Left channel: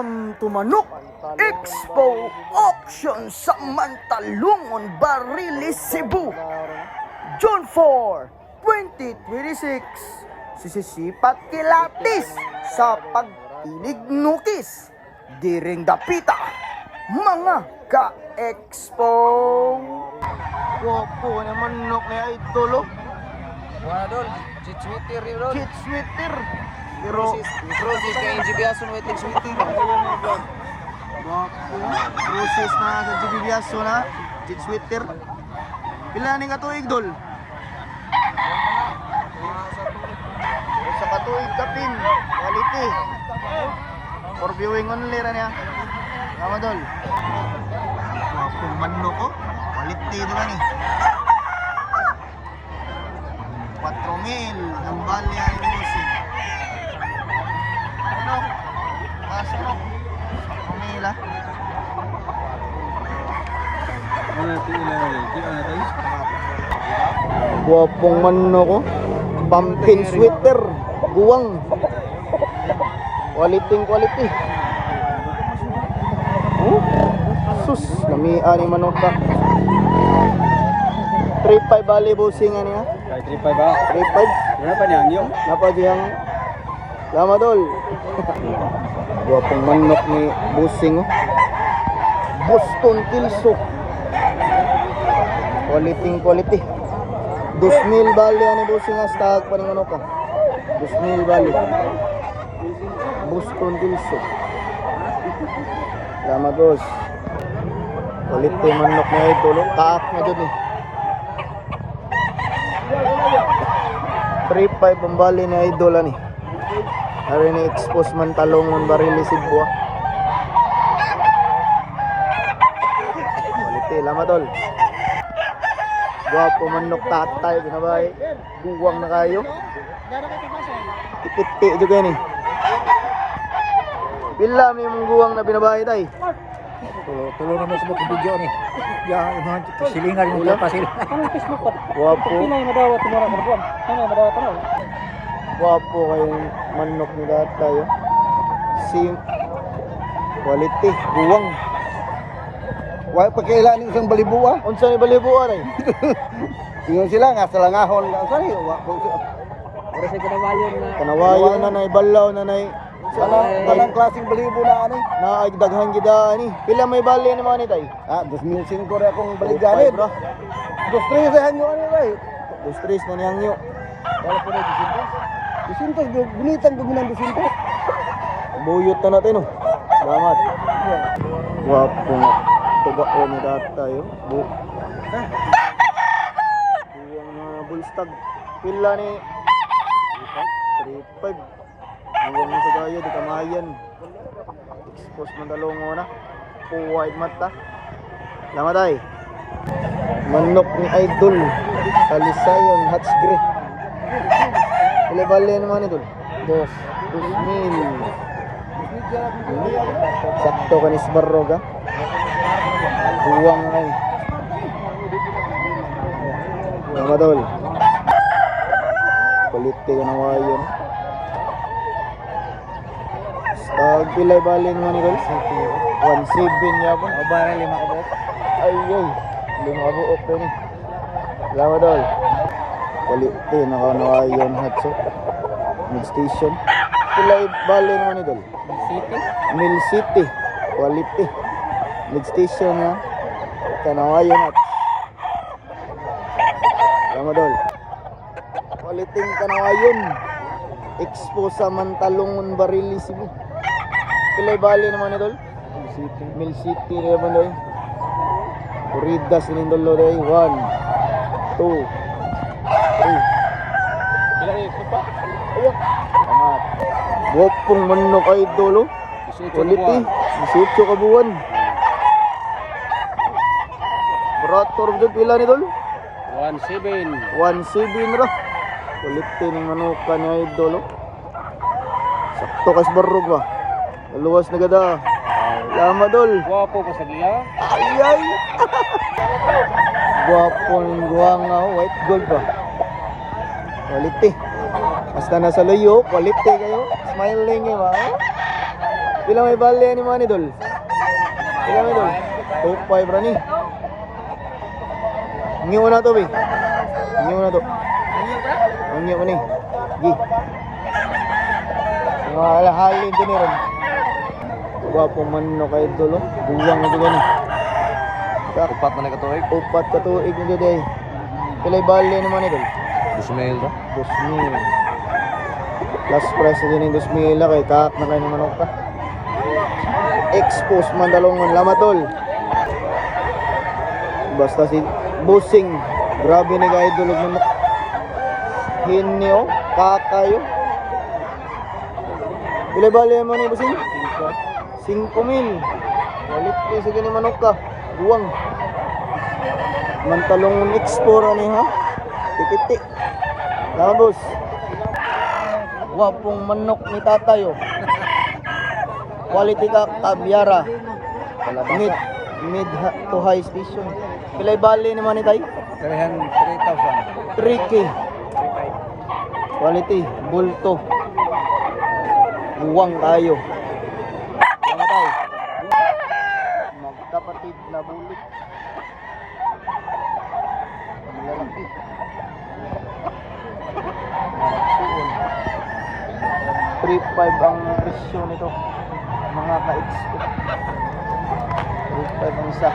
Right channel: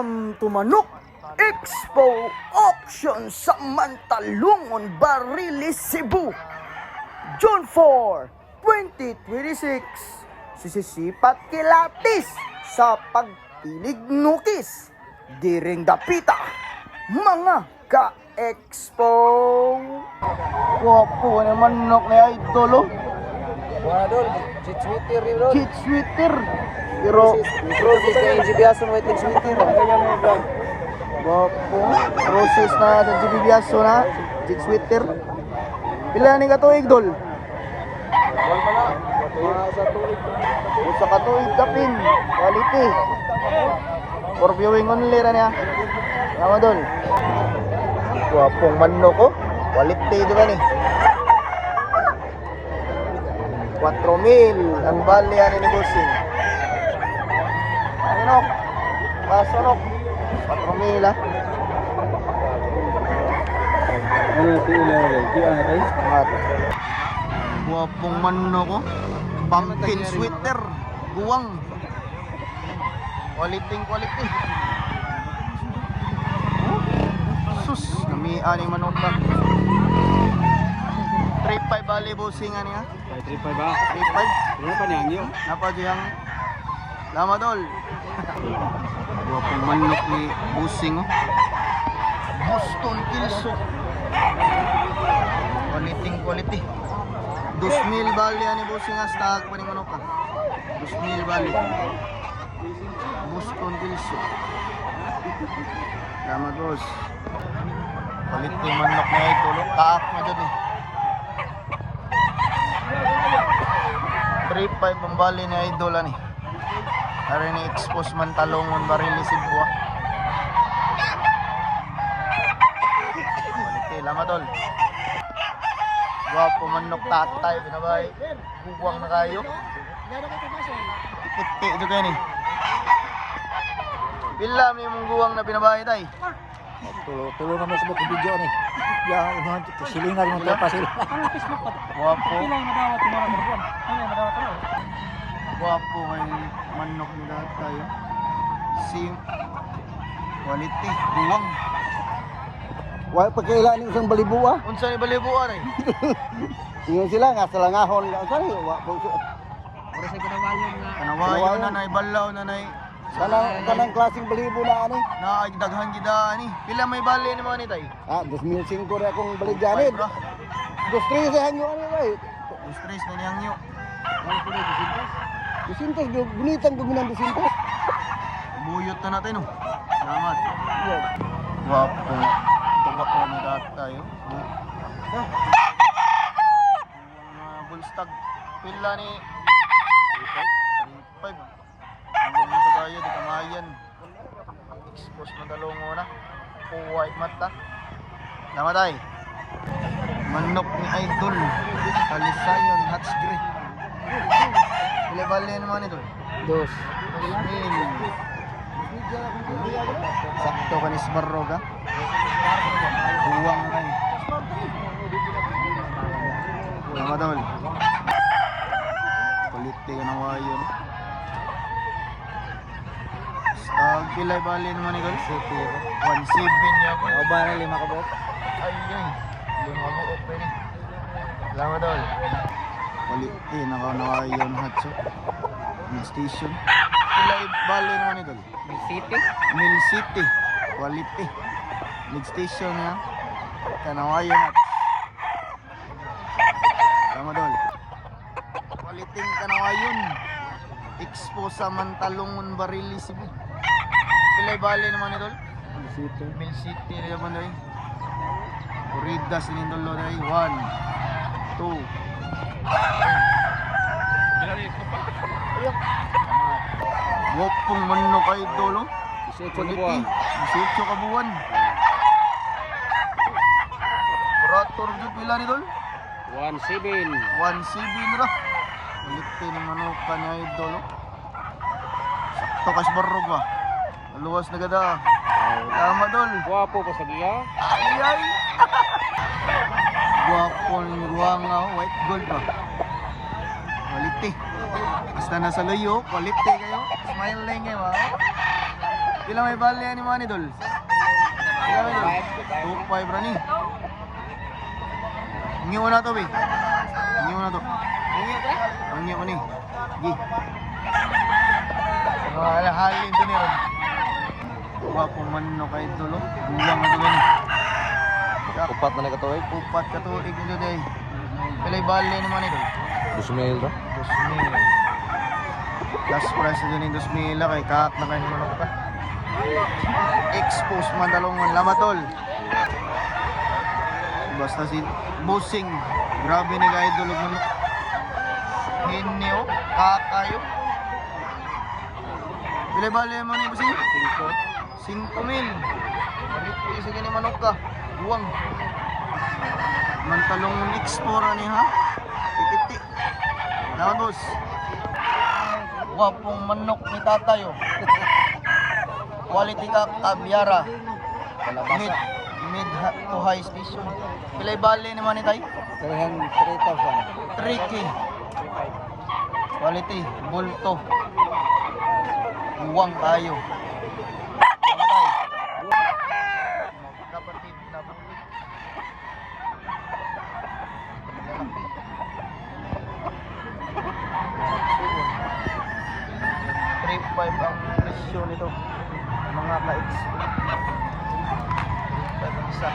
Welcome to Manok Expo Auction sa Mantalungon, Barilis, Cebu. June 4, 2026. Sisisipat kilatis sa pagtilig nukis. Diring dapita, mga ka-expo. Guwapo na manok ni Idol. Wala dol, sweeter yun dol. Cheat sweater. Pero Di kayo jibiyason waiting sweeter. process na sa GBBS na cheat sweater. Pila ni katuig dol? Sa katuig kapin, quality. For viewing only ra niya. Tama dol. Guwapong manok ko. Quality juga ni. 4,000 ang bali ani ni bossing. Manok. Pasanok. 4,000 ah. Ano pila ulit? Di ano tayo? Guwapong manok ko. Pumpkin sweater. Buwang. Quality. Sus, lamian ni manok ka. 3,500 bali bossing ani ha. Kay 3.5 ba? 3,500. Wala pa niyang yun. Napa diyang lama dol. Guwapong manok ni bossing oh. Boston Kilso. Quality. 2,000 bali ani bossing hastag pa ni manok ka. 2,000 bali. Boston Kilso. Lama dos. Quality manok na ito, kaak na dyan eh. 3,500 ang bali ni Idol ani. Hari ni expose Mantalungon, Barilis, Cebu. Quality, lama dol. Guwapo manok tatay, binabay. Guwang na kayo. Tipiti juga ni. Pila may mong guwang na binabay tay? Tuloy naman sa mga video ni. Yan, silingan mo ito pa sila. Guwapo. Guwapo kayong manok ni tatay. Quality, guwang. Wala pagkailan ng isang balibuwa. Unsa ni balibuan ay? Tingnan sila nga sa langahon. Sorry, para sa Kanawayo na nay balaw na nay. Anong klaseng balibo na ano? Na ay daghan gida ani. Pila may bali ni mga ni tay? 2005 rin akong baligyanin. Bro. Gusto rin sa hanyo ano ba? Dos tres na niyang yo. Wala po na 200. 200, gunitan guminan 200. Buyot na natin oh. Salamat. Guwapo na. Tuba ko ni tatay oh. Buwang na bulstag. Pila ni 3,500. Huwag mo sa gaya, di kamayan. Expose mo dalungo na. White mata. Lama tayo. Manok ni Idol. Kalisayon, Hats Grey. Bali naman ito. 2,000. Sakto ka ni Sbarroga. Buwang ay. Lama tol. Quality ka na wayon. Pilay bali naman ni Guls. 1,700 niya po. Aba na 5 ka ba? Ay. 5 open ni. Lama dol. Quality nakanawayon hatso. Mid station. Pilay bali naman ni Dol. City? Mill City. Quality. Mid station na. Kanawayon at. Lama dol. Quality kanawayon. Expo sa Mantalungon, Barilis, Cebu. Pilay bali naman ni Dol. Mill City naman doy. Puridas sinindolo doy. 1, 2, 3. Ayan. Wapong manok Idol. Quality. 18 kabuan. Operator dyan pila ni Dol. 1.7. 1,700 ra. Quality ng manukan ni Idol. Sakto kay Barrog ba. Luwas na gada. Lama Dol. Guwapo pa sa giya. Ay. Guwapo ng guwanga, white gold ba. Quality. Basta nasa layo, quality kayo. Smiling ba? Pila may bali ni mga idol? Pila may idol? 2.5 rani. Ngiyo na to, be. Ngiyo na to. Ngiyo ka ni. Gi. Mga alahalin to ni Ron. Wapo man no kay idol, oh. Buwang na to gani. Upat na nagkatuig. Upat ka tuig na to, eh. Pila may bali ni mga idol? 2,000 ra. 2,000. Last price na din yung 2,000 kay kaak na kayo manok ka. Expose Mandalongan Lamatol. Basta si Busing. Grabe ni ka idol og manok. Hinyo, kakayo. Pila bali mo ni Busing? 5,000. Balik ni sige ni manok ka. Buwang. Mantalongan Explore ni ha. Tititi. Salamat, boss. Wapong manok ni tatayo. Quality ka kabyara. Mid to high station. Pilay bali naman ni tayo. 3,000. 3K. Quality. Bulto. Uwang tayo. Ano tayo? Magkapatid na bulit. 3.5 ang presyo nito mga ka-ex. 3.5 ang isa.